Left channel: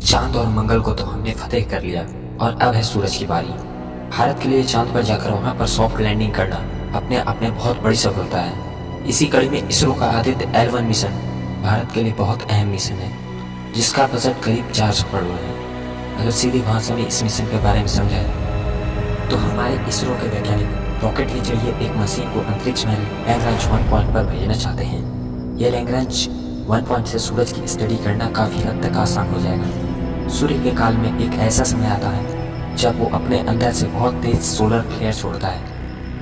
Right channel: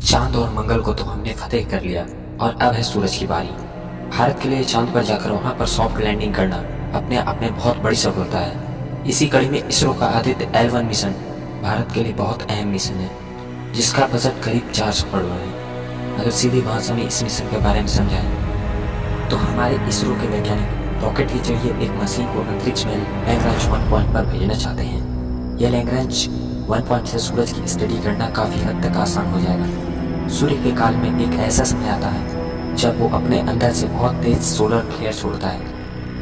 चांद और मंगल को तो हमने फतेह कर लिया और अब है सूरज की बारी। भारत के लिए चांद पर जाकर वहां पर सॉफ्ट लैंडिंग करना अपने आप में बहुत बड़ी सफलता है। इसी कड़ी में इसरो का आदित्य L1 मिशन भारत के लिए बहुत अहम मिशन है, जिसका बजट करीब 400 करोड़ है। अगर सीधी भाषा में इस मिशन के बारे में समझाएं तो हमारे इसरो के वैज्ञानिक रॉकेट के जरिए एक मशीन को अंतरिक्ष में लैग्रांज 1 पॉइंट पर भेजना चाहते हैं। यह लैग्रांज 1 पॉइंट से सूरज की स्टडी करना काफ़ी हद तक आसान हो जाएगा। सूर्य के काल में एक ऐसा समय आता है जब वो अपने अंदर से बहुत तेज सोलर फ्लेयर छोड़ता है।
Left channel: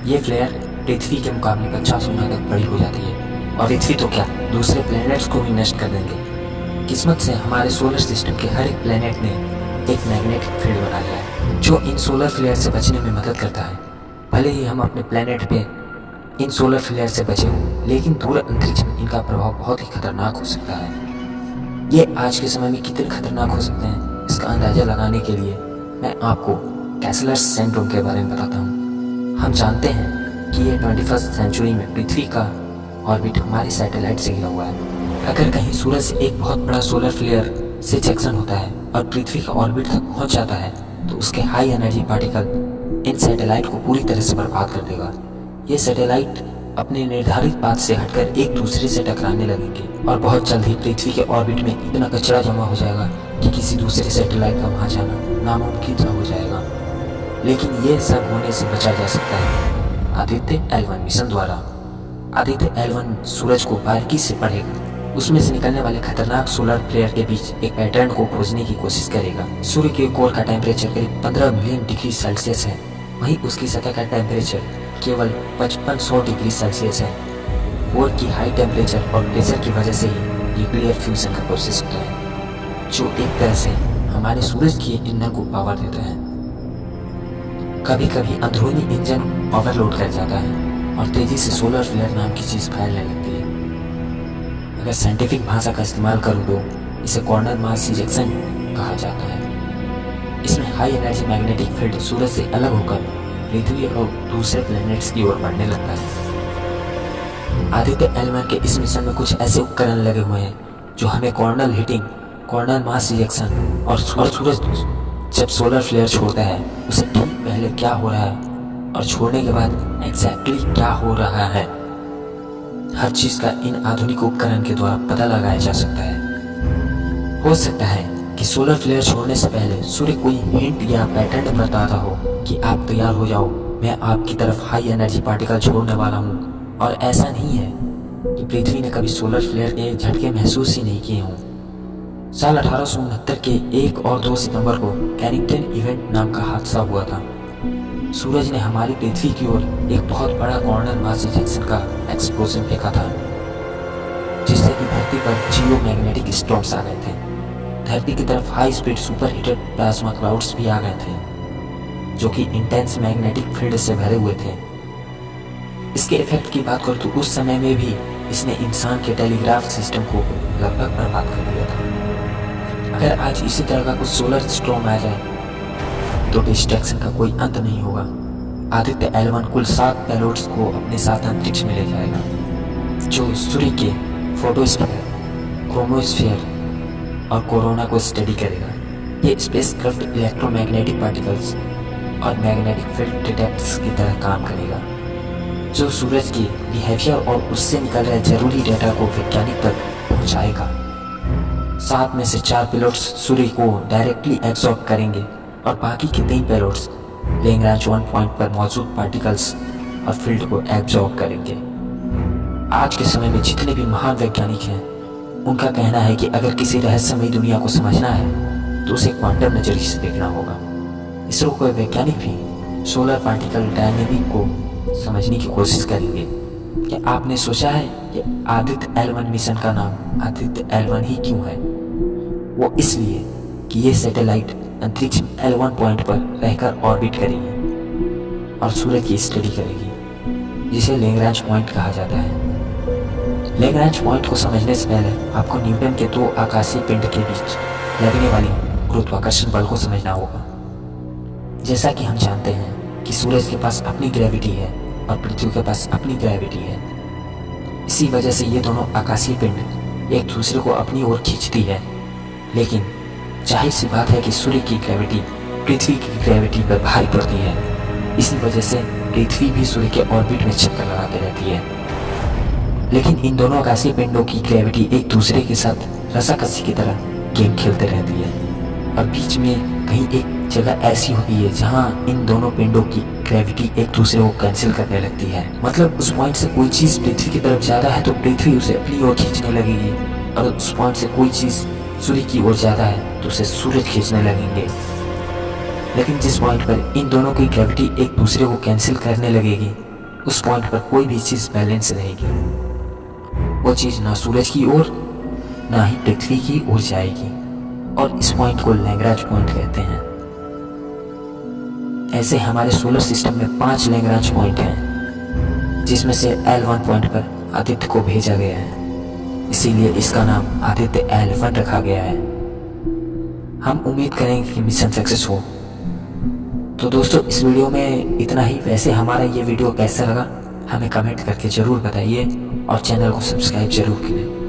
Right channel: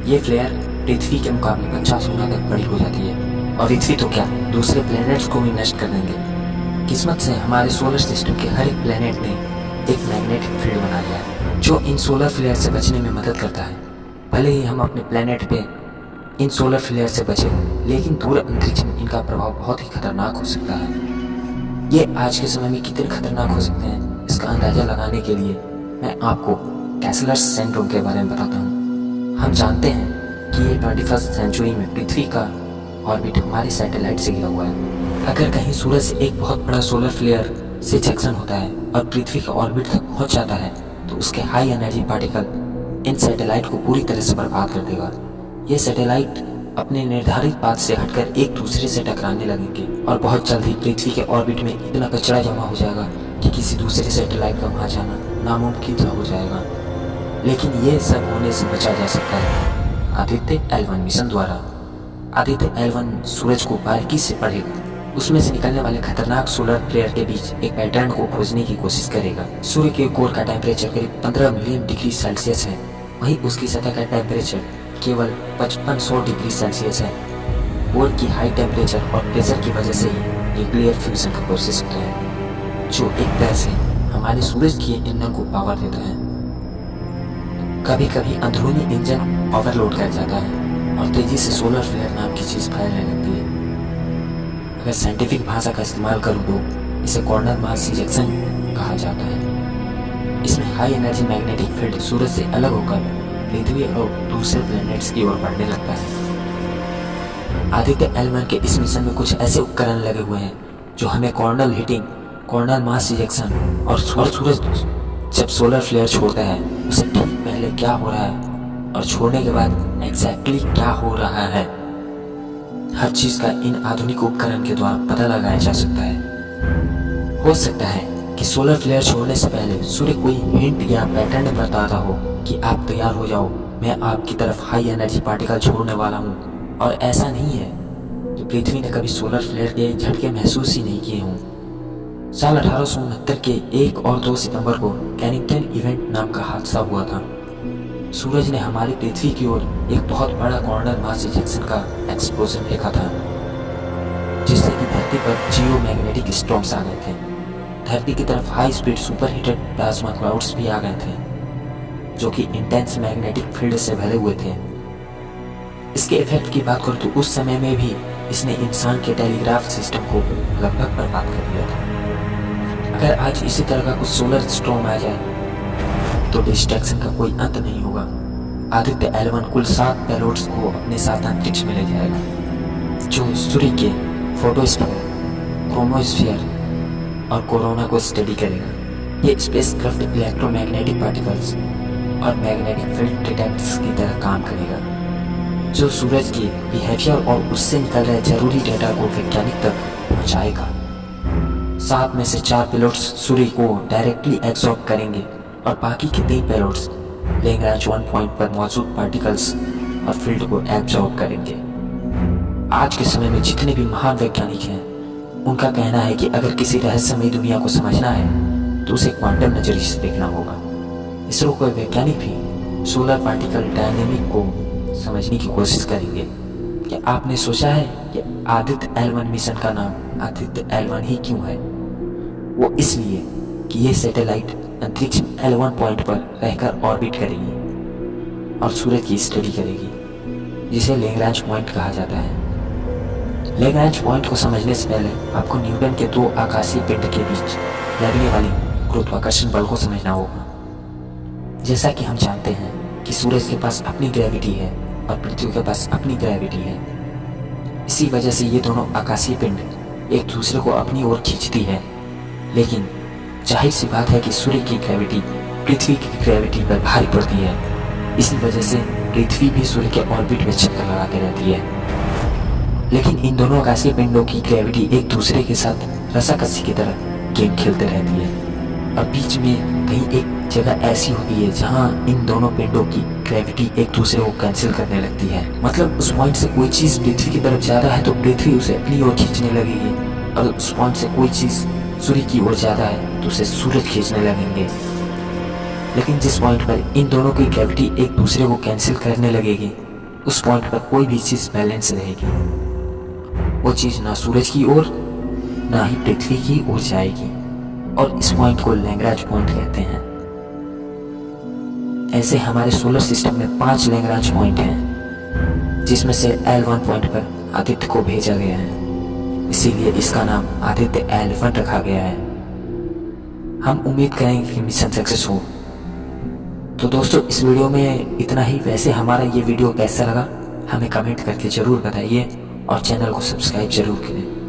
ये फ्लेयर पृथ्वी के मुकाबले 50 गुना तक बड़ी हो जाती है और पृथ्वी तो क्या, दूसरे प्लैनेट्स को भी नष्ट कर देंगे। किस्मत से हमारे सोलर सिस्टम के हर एक प्लैनेट ने एक मैग्नेटिक फील्ड बना लिया है जो इन सोलर फ्लेयर से बचने में मदद करता है। भले ही हम अपने प्लैनेट पे इन सोलर फ्लेयर से बचे हों, लेकिन दूर अंतरिक्ष में इनका प्रभाव बहुत ही खतरनाक हो सकता है। ये आज के समय में कितने खतरनाक हो सकते हैं, इसका अंदाजा लगाने के लिए मैं आपको कैसलर्स सिंड्रोम के बारे में बताता हूँ। हम जानते हैं कि ये 21st सेंचुरी में पृथ्वी का ऑर्बिट हमारे सैटेलाइट से घिरा हुआ है। अगर कहीं सूरज से एक बहुत बड़ा सोलर फ्लेयर से जंक्शन होता है और पृथ्वी का ऑर्बिट तक पहुँच जाता है तो उसके high energy particle in satellite को पूरी तरह से बर्बाद कर देगा। ये सैटेलाइट अपने निर्धारित पाथ से हटकर एक दूसरे से टकराने लगेंगे और बहुत जल्द ही पृथ्वी के ऑर्बिट में इतना कचरा जमा हो जाएगा कि किसी दूसरे सैटेलाइट का वहाँ जाना नामुमकिन सा हो जाएगा। लेकिन ये सब होने से बचा जा सकता है आदित्य L1 मिशन द्वारा। आदित्य L1 सूरज को बारीकी से पढ़ेगा, उसमें से निकलने वाले खतरनाक सोलर फ्लेयर के बीच एक पैटर्न को खोजने की कोशिश करेगा। सूर्य के कोर का टेम्परेचर करीब 15 मिलियन डिग्री सेल्सियस है, वहीं उसकी सतह का टेम्परेचर केवल 5500 डिग्री सेल्सियस है। कोर की हाई टेम्परेचर और प्रेशर की वजह से ही न्यूक्लियर फ्यूजन का प्रोसेस होता है, जो एक तरह से हमारे सूरज के ईंधन को पावर देता है। कभी कभी अंदरूनी इंजन ओवरलोड कर जाता है और तेजी से सोलर फ्लेयर नाम की चीज़ फैलने लगती है। अगर साइंटिफिक भाषा का इस्तेमाल करूँ तो इसे कॉर्नर मास इजेक्शन कहा जाता है। इसमें हाई एनर्जी मैग्नेटिक फील्ड सूरज से अलग होकर पृथ्वी और दूसरे प्लैनेट्स की ओर बढ़ने लगता है। आदित्य L1 के इस मिशन में कुछ ऐसे उपकरण लगे हुए हैं जो हमें corner heating, corner mass ejection और सूरज जब सोलर फ्लेयर छोड़ता है उसे ठीक पहले क्या हो रहा है और छोड़ने के बाद एग्जैक्टली क्या हो रहा है, हर चीज़ का इन आधुनिक उपकरण के द्वारा पता लगाया जा सकता है। हो सकता है कि सोलर फ्लेयर छोड़ने से पहले सूर्य कोई हिंट या पैटर्न बताता हो कि आप तैयार हो जाओ, मैं आपकी तरफ हाई एनर्जी पार्टिकल छोड़ने वाला हूँ। और ऐसा नहीं है कि पृथ्वी ने कभी सोलर फ्लेयर के झटके महसूस ही नहीं किए हों। साल 1869 के 1 और 2 सितंबर को कैनिंगटन इवेंट नाम का हादसा हुआ था। सूरज ने हमारी पृथ्वी की ओर एक बहुत बड़ा कॉर्नर मास इजेक्शन का एक्सप्लोजन फेंका था, जिससे कि धरती पर जियो मैग्नेटिक स्टॉर्म्स आ गए थे। धरती की तरफ high speed super heated plasma clouds भी आ गए थे जो कि इंटेंस मैग्नेटिक फील्ड से भरे हुए थे। इसके इफेक्ट की बात करूँ तो उस समय में भी इसने इंसान के टेलीग्राफ सिस्टम को लगभग बर्बाद कर दिया था। अगर आज इसी तरह का कुछ सोलर स्टॉर्म आ जाए तो डिस्ट्रैक्शन का कोई अंत नहीं होगा। आदित्य L1 कुल 7 पेलोड्स को अपने साथ अंतरिक्ष में ले जाएगा, जो सूर्य के फोटोस्फीयर, क्रोमोस्फीयर और कोरोना को स्टडी करेगा। ये स्पेसक्राफ्ट इलेक्ट्रोमैग्नेटिक पार्टिकल्स और मैग्नेटिक फील्ड डिटेक्टर्स की तरह काम करेगा, जो सूरज के बिहेवियर और उससे निकल रहे जरूरी डेटा को वैज्ञानिक तक पहुंचाएगा। 7 में से 4 पेलोड्स सूर्य को डायरेक्टली एब्जॉर्ब करेंगे और बाकी के 3 पेलोड्स लैग्रांज 1 पॉइंट पर मौजूद पार्टिकल्स और फील्ड को एब्जॉर्ब करेंगे। आज के समय में जितने भी महान वैज्ञानिक हैं, उनका कहना है कि अगर किसी रहस्यमयी दुनिया को समझना है तो उसे क्वांटम नजरिए से देखना होगा। इसरो के वैज्ञानिक भी सोलर पार्टिकल डायनेमिक को समझने की कोशिश करेंगे। क्या आपने सोचा है कि आदित्य L1 मिशन का नाम आदित्य L1 ही क्यों है? वो इसलिए कि ये सैटेलाइट अंतरिक्ष में L1 पॉइंट पर रहकर ऑर्बिट करेगी और सूरज की स्टडी करेगी, जिसे लैग्रांज पॉइंट कहा जाता है। लैग्रांज पॉइंट को समझने से पहले आपको न्यूटन के 2 आकाशीय पिंड के बीच लगने वाली गुरुत्वाकर्षण बल को समझना होगा। जैसा कि हम जानते हैं कि सूरज के पास अपनी ग्रेविटी है और पृथ्वी के पास अपनी ग्रेविटी है। इसी वजह से ये दोनों आकाशीय पिंड एक दूसरे को अपनी ओर खींचती है। लेकिन जाहिर सी बात है कि सूर्य की ग्रेविटी पृथ्वी की ग्रेविटी पर भारी पड़ती है। इसी वजह से पृथ्वी भी सूर्य के ऑर्बिट में चक्कर लगाते रहती है। लेकिन इन दोनों आकाशीय पिंडों की ग्रेविटी एक दूसरे के साथ रस्साकसी की तरह गेम खेलते रहती है और बीच में कहीं एक जगह ऐसी होती है जहां इन दोनों पिंडों की ग्रेविटी एक दूसरे को कैंसिल करने लगती है। मतलब उस पॉइंट से कोई चीज़ पृथ्वी की तरफ ज़्यादा है तो पृथ्वी उसे अपनी ओर खींचने लगेगी, और उस पॉइंट से कोई चीज़ सूर्य की ओर ज़्यादा है तो उसे सूरज खींचने लगेंगे। लेकिन जिस पॉइंट पर इन दोनों की ग्रेविटी एक दूसरे को कैंसिल करने लगेगी, उस पॉइंट पर कोई भी चीज़ बैलेंस रहेगी। वो चीज़ ना सूरज की ओर ना ही पृथ्वी की ओर जाएगी, और इस पॉइंट को लैग्रांज पॉइंट कहते हैं। ऐसे हमारे सोलर सिस्टम में 5 लैग्रांज पॉइंट हैं, जिसमें से L1 पॉइंट पर आदित्य को भेजा गया है, इसीलिए इसका नाम आदित्य L1 रखा गया है। हम उम्मीद करेंगे कि मिशन सक्सेस हो। तो दोस्तों, इस वीडियो में इतना ही। वैसे हमारा ये वीडियो कैसा लगा हमें कमेंट करके ज़रूर बताइए, और चैनल को सब्सक्राइब जरूर करें।